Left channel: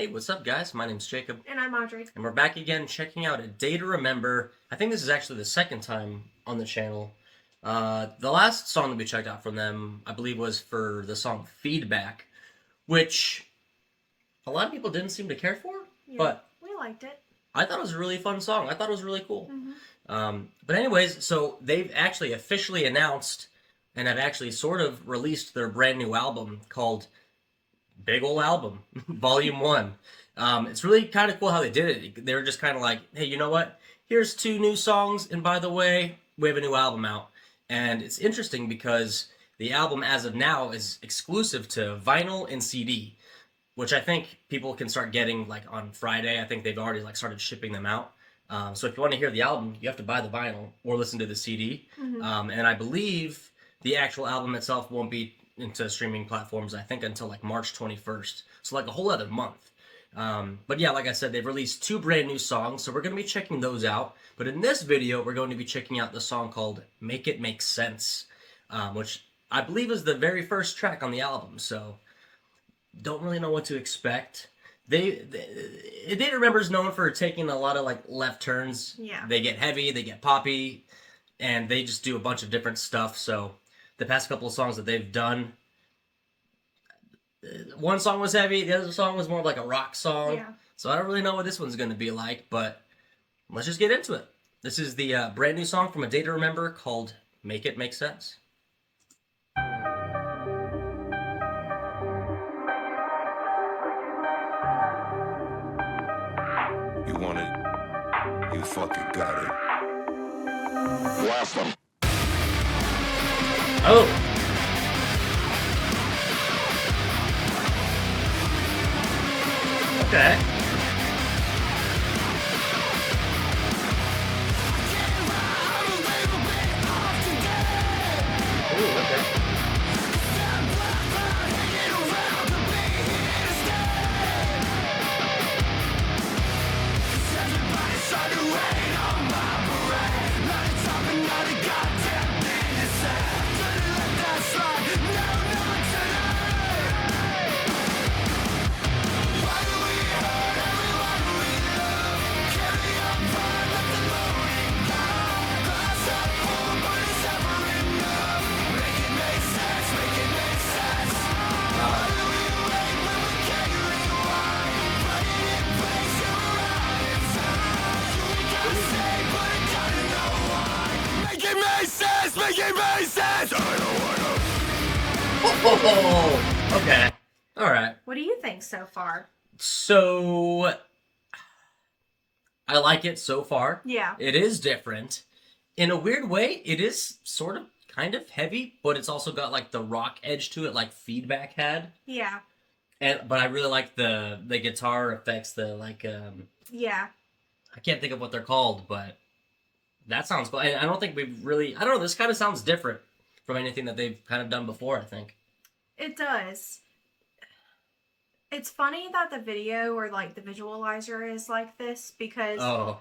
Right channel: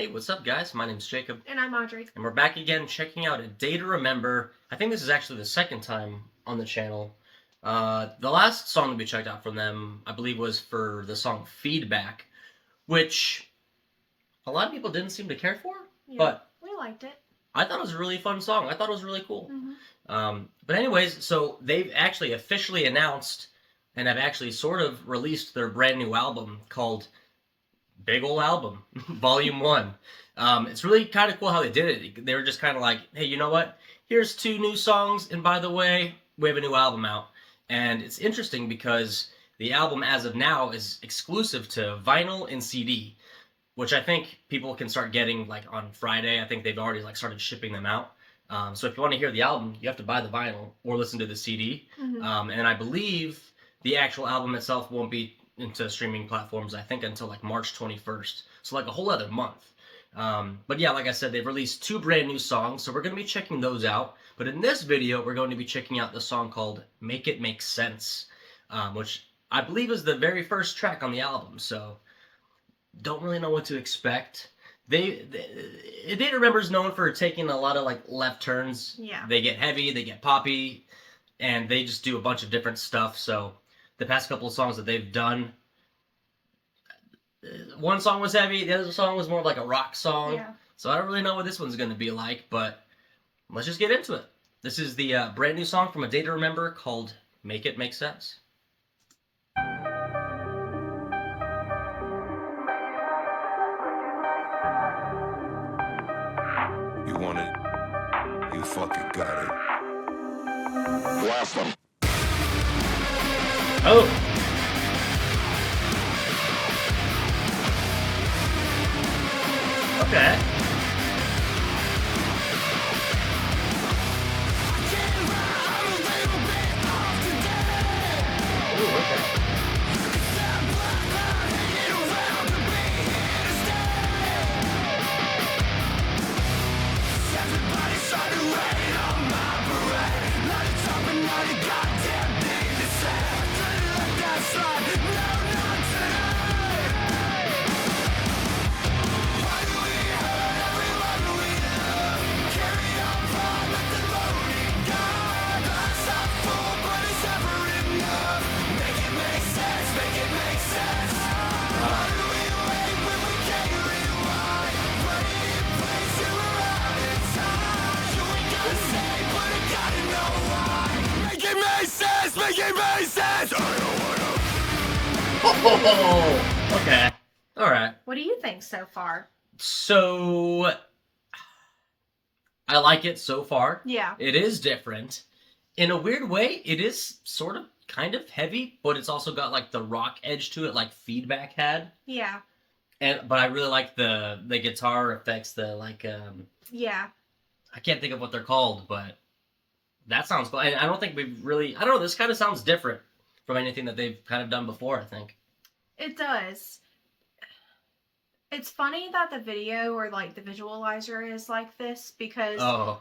Hey, what's up, guys? My name's Jacob. And I'm Audrey. And we're back again checking out A Day to Remember. I think this is actually the second time on the channel. The last song that we checked out from them, I believe, was for the song Feedback, which a lot of people didn't seem to care for, Yeah, but we liked it. I thought it was a really fun song. I thought it was really cool. Mm-hmm. But anyways, so they've actually officially announced and have actually sort of released their brand new album called Big Ol' Album, Volume 1. It's really kind of cool how they did it. They were just kind of like, hey, you know what? Here's 2 new songs, and by the way, we have a new album out. And it's interesting because the album, as of now, is exclusive to vinyl and CD, which I think people can start getting like on Friday. I think they've already like started shipping them out. So if you want to hear the album, you have to buy the vinyl or listen to the CD. Mm-hmm. And I believe the actual album itself won't be into streaming platforms, I think, until like March 21st. So like a whole other month. But yeah, like I said, they've released 2 brand new songs, so we're going to be checking those out. But in this video, we're going to be checking out the song called Make It Make Sense, which I believe is the very first track on the album. So don't really know what to expect. A Day to Remember is known for taking a lot of like left turns. Yeah. They get heavy, they get poppy, and they just do a bunch of different stuff. So the past couple of songs that they've done, one song was heavy, the other song was more like a rock song. Yeah. So I don't really know what this one's going to be like, but let's just get into it. This is the brand new song from A Day to Remember called Make It Make Sense. You want it, you fucking got it. Blast them. Oh! Okay. Ooh, okay. Make it make sense! I don't wanna. Oh, okay. Alright. What do you think so far? So, I like it so far. Yeah. It is different. In a weird way, it is sort of kind of heavy, but it's also got like the rock edge to it, like Feedback had. Yeah. But I really like the guitar effects, the like Yeah. I can't think of what they're called, but that sounds cool. I don't think we've really, I don't know, this kind of sounds different from anything that they've kind of done before, I think. It does. It's funny that the video or like the visualizer is like this because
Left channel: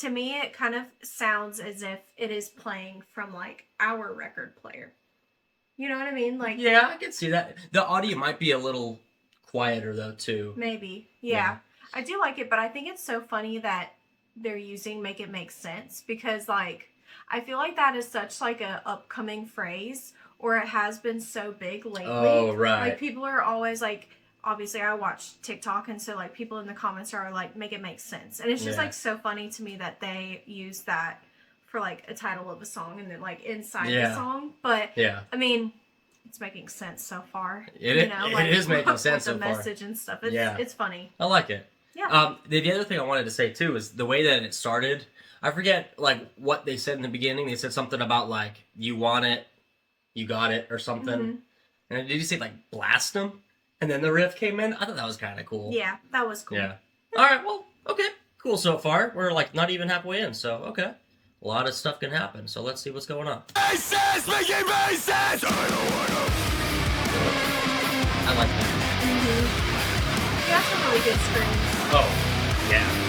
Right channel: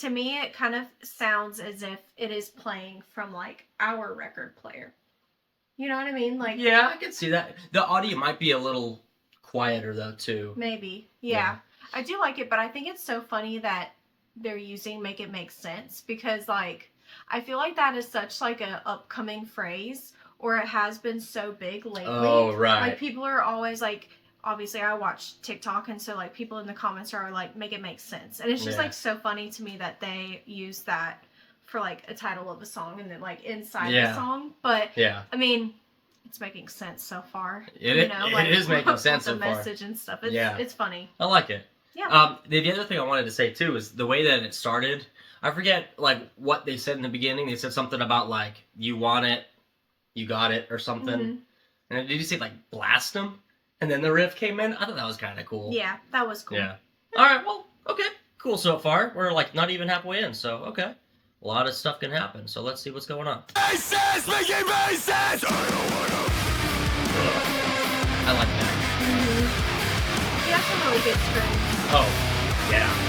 to me it kind of sounds as if it is playing from like our record player. You know what I mean? Like, yeah, I can see that. The audio might be a little quieter though too. Maybe. Yeah. I do like it, but I think it's so funny that they're using Make It Make Sense because like I feel like that is such like a upcoming phrase, or it has been so big lately. Oh, right. Like people are always like, obviously I watch TikTok, and so like people in the comments are like, make it make sense. And it's just like so funny to me that they use that for like a title of a song and then like inside the song. But I mean, it's making sense so far. It is making sense so far. The message and stuff. It's funny. I like it. Yeah. The other thing I wanted to say too is the way that it started. I forget like what they said in the beginning. They said something about like you want it, you got it, or something. And did you say like blast them? And then the riff came in. I thought that was kind of cool. Yeah, that was cool. Yeah. All right. Well, okay. Cool so far. We're like not even halfway in, so okay. A lot of stuff can happen. So let's see what's going on. Make sense, make it make sense. I don't wanna. I like that. You have some really good strings. Oh, yeah.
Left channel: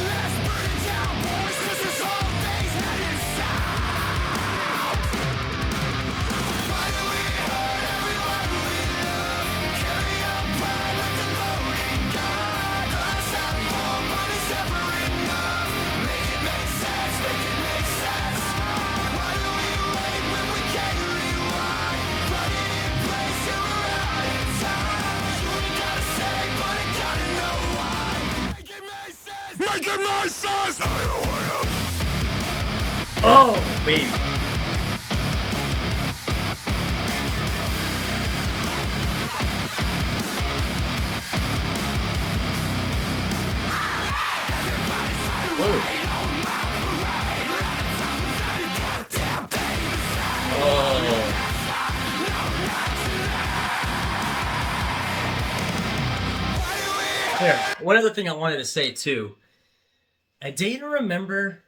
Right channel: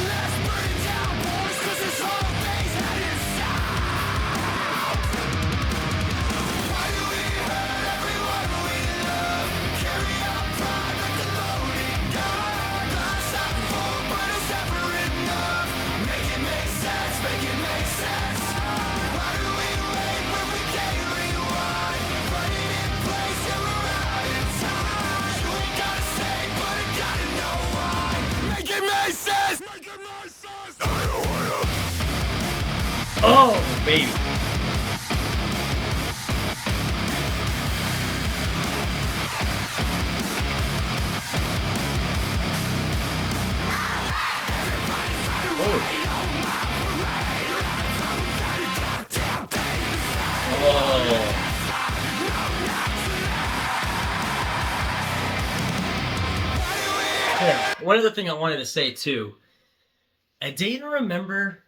Let's burn it down, boys, 'cause it's all Oh, baby. Oh. Yeah. One other thing I wanted to say too. A Day to Remember,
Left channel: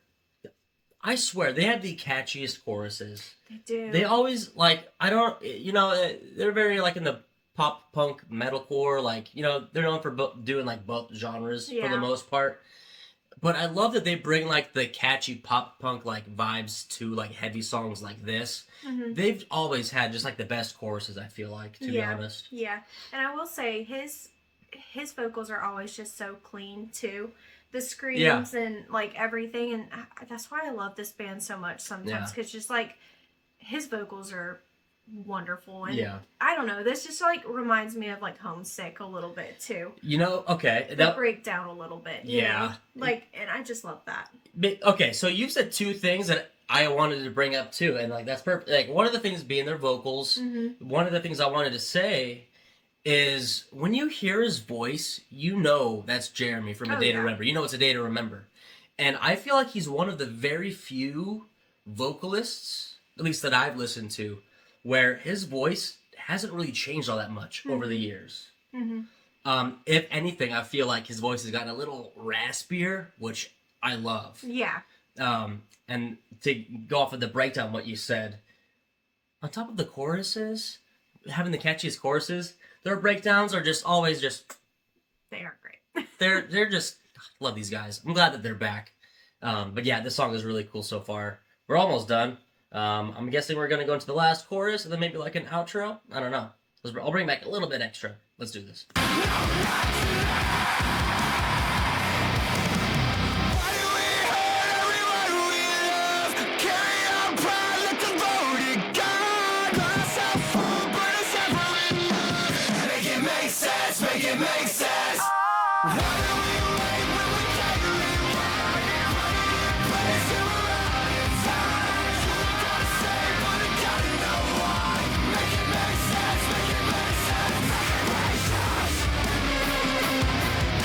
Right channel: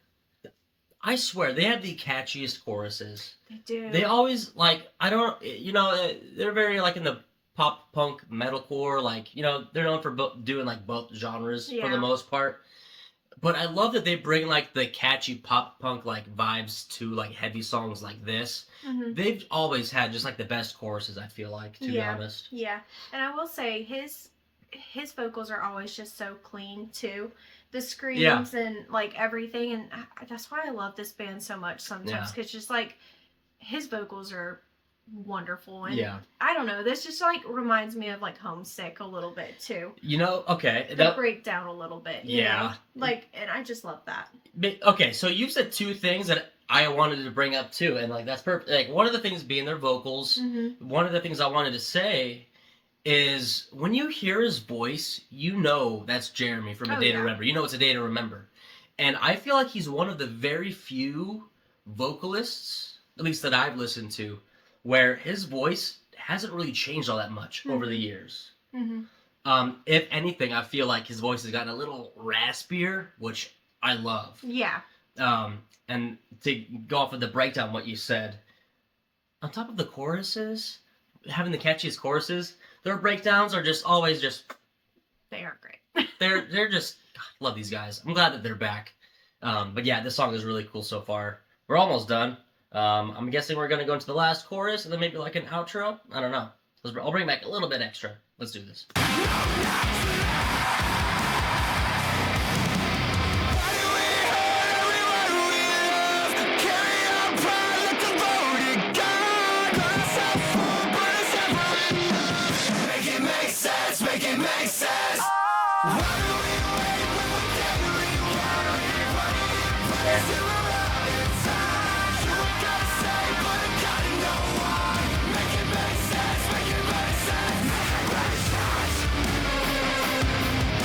I swear, they have the catchiest choruses. They do. They always, like, I don't, you know, they're very, like, in the pop punk metalcore, like, you know, they're known for doing, like, both genres for the Yeah. most part. But I love that they bring, like, the catchy pop punk, like, vibes to, like, heavy songs like this. Mhm. They've always had just, like, the best choruses, I feel like, to be honest. Yeah. And I will say his vocals are always just so clean too. The screams and like everything, and that's why I love this band so much sometimes, because just like his vocals are wonderful, and I don't know, this just like reminds me of like Homesick a little bit too. You know, okay. The breakdown a little bit, you know? Like, and I just love that. Okay, so you said two things that I wanted to bring up too, and like that's perfect. Like one of the things being their vocals. Mm-hmm. One of the things I wanted to say is when you hear his voice, you know that's Jeremy from A Day to Remember. You know it's A Day to Remember. And I feel like he's one of the very few vocalists, at least that I've listened to, where his voice hasn't really changed all that much over the years. Mm-hmm. If anything, I feel like his voice has gotten a little raspier, which I love. Yeah. And to go off of the breakdown, what you said, on top of the choruses, having the catchiest choruses, their breakdowns are just always just... They are great. they're just... God, love these guys. I'm glad that they're back. But yeah, this song is really cool so far. We're almost done. I'm guessing we're going to go into the last chorus and then maybe like an outro. I don't know. I'll bring back a little bit extra. Let's do this.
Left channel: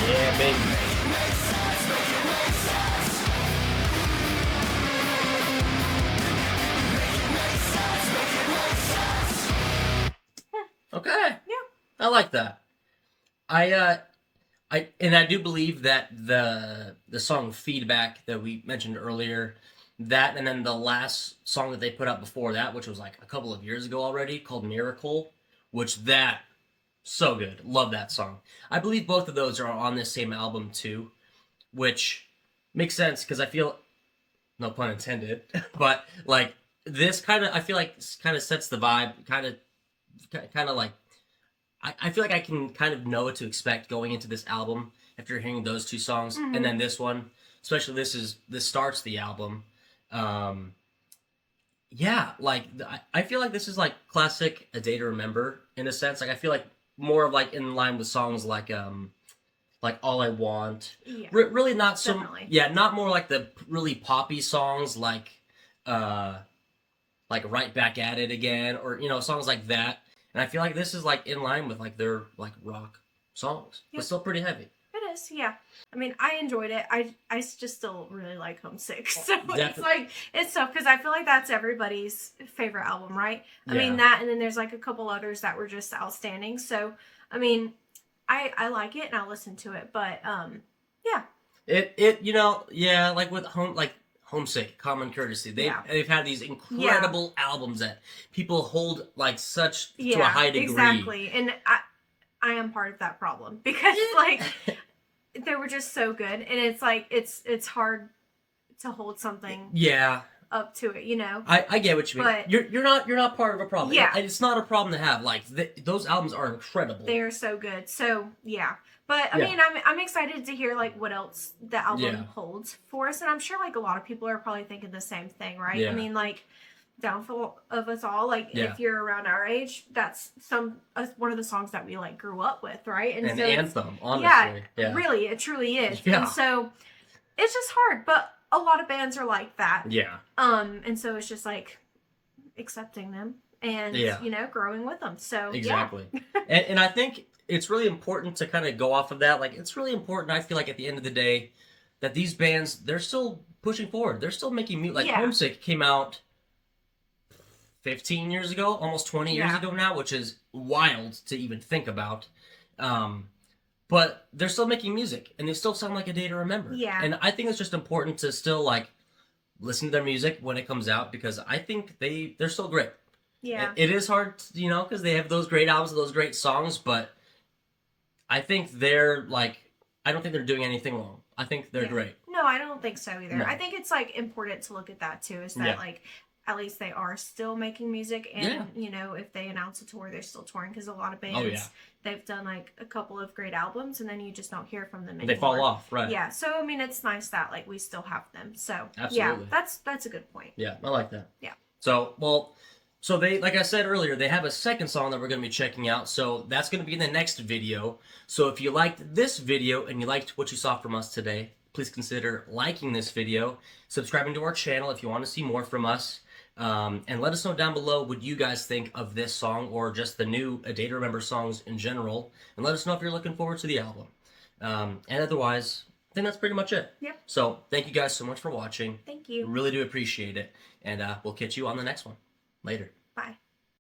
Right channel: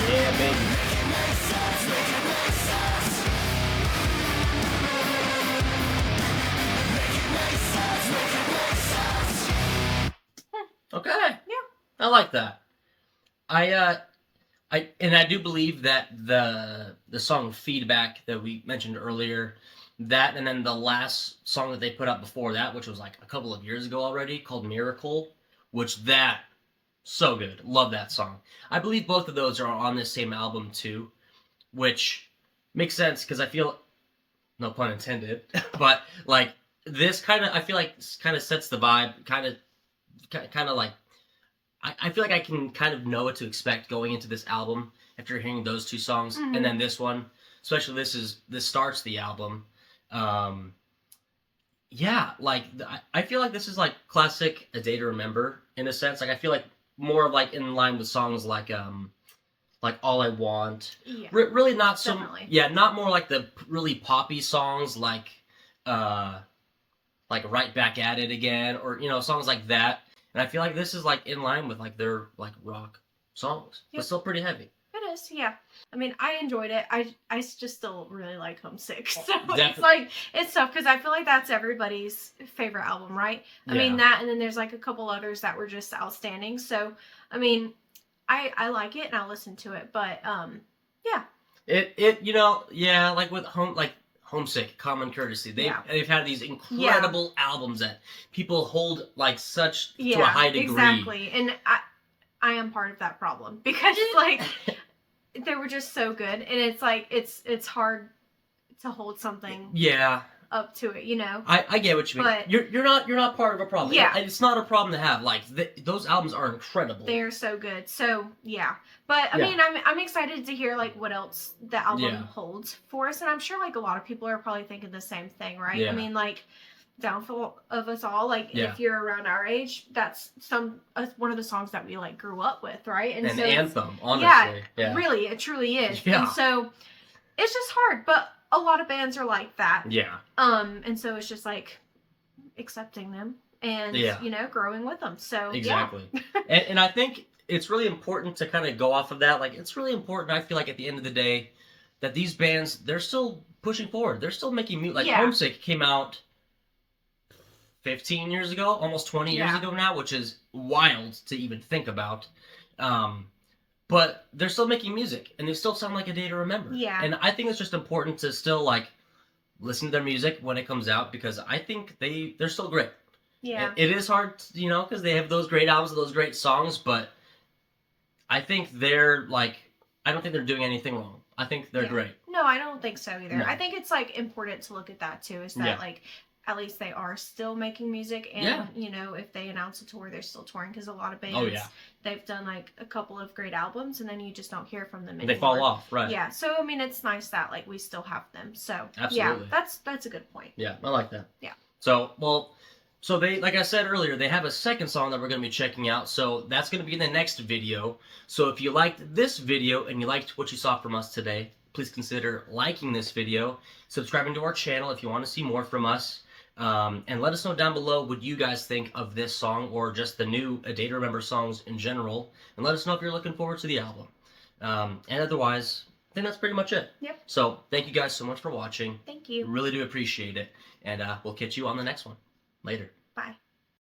Yeah, baby. Okay. Yeah. I like that. I do believe that the song Feedback that we mentioned earlier, that and then the last song that they put out before that, which was like a couple of years ago already, called Miracle, which that so good. Love that song. I believe both of those are on this same album too, which makes sense because I feel, no pun intended, but like this kind of, I feel like kind of sets the vibe, kind of like, I feel like I can kind of know what to expect going into this album after hearing those two songs, and then this one, especially this starts the album. Yeah, like I feel like this is like classic A Day to Remember in a sense. Like I feel like more of like in line with songs like All I Want. Yeah. Really not so. Definitely. Yeah, not more like the really poppy songs like Right Back at It Again, or you know, songs like that. And I feel like this is like in line with like their like rock songs, but still pretty heavy. It is, yeah. I mean, I enjoyed it. I just still really like Homesick. So it's tough because I feel like that's everybody's favorite album, right? I mean that, and then there's like a couple others that were just outstanding. So I mean, I like it and I'll listen to it, but yeah. It you know, yeah, like with Homesick, Common Courtesy. They've had these incredible albums that people hold like such to a high degree. Exactly. And I am part of that problem because like they were just so good, and it's like it's hard to hold something up to it, you know. I get what you mean. But you're not part of a problem. Yeah. It's not a problem to have. Like those albums are incredible. They are so good. So yeah. But I mean, I'm excited to hear like what else the album holds for us, and I'm sure like a lot of people are probably thinking the same thing, right? Yeah. I mean, like Downfall of Us All, like if you're around our age, that's one of the songs that we like grew up with, right? And so anthem, honestly. Really, it truly is. Yeah. And so it's just hard, but a lot of bands are like that. Yeah. And so it's just like accepting them and you know, growing with them. So exactly. Yeah. and I think it's really important to kind of go off of that. Like, it's really important, I feel like, at the end of the day, that these bands, they're still pushing forward. They're still making music. Like, Homesick came out 15 years ago, almost 20 years ago now, which is wild to even think about. But they're still making music, and they still sound like a day to remember. Yeah. And I think it's just important to still, like, listen to their music when it comes out, because I think they're still great. Yeah. It is hard, you know, because they have those great albums and those great songs, but I think they're, like, I don't think they're doing anything wrong. I think they're great. No, I don't think so either. No. I think it's, like, important to look at that, too, is that, like, at least they are still making music, and you know, if they announce a tour, they're still touring, because a lot of bands they've done like a couple of great albums and then you just don't hear from them anymore. They fall off, right? Yeah, so I mean, it's nice that like we still have them. So absolutely, yeah, that's a good point. Yeah, I like that. Yeah. So they, like I said earlier, they have a second song that we're going to be checking out. So that's going to be in the next video. So if you liked this video and you liked what you saw from us today, please consider liking this video, subscribing to our channel if you want to see more from us. And let us know down below what you guys think of this song or just the new A Day to Remember songs in general. And let us know if you're looking forward to the album. And otherwise, I think that's pretty much it. Yep. So thank you guys so much for watching. Thank you. Really do appreciate it. And we'll catch you on the next one. Later. Bye.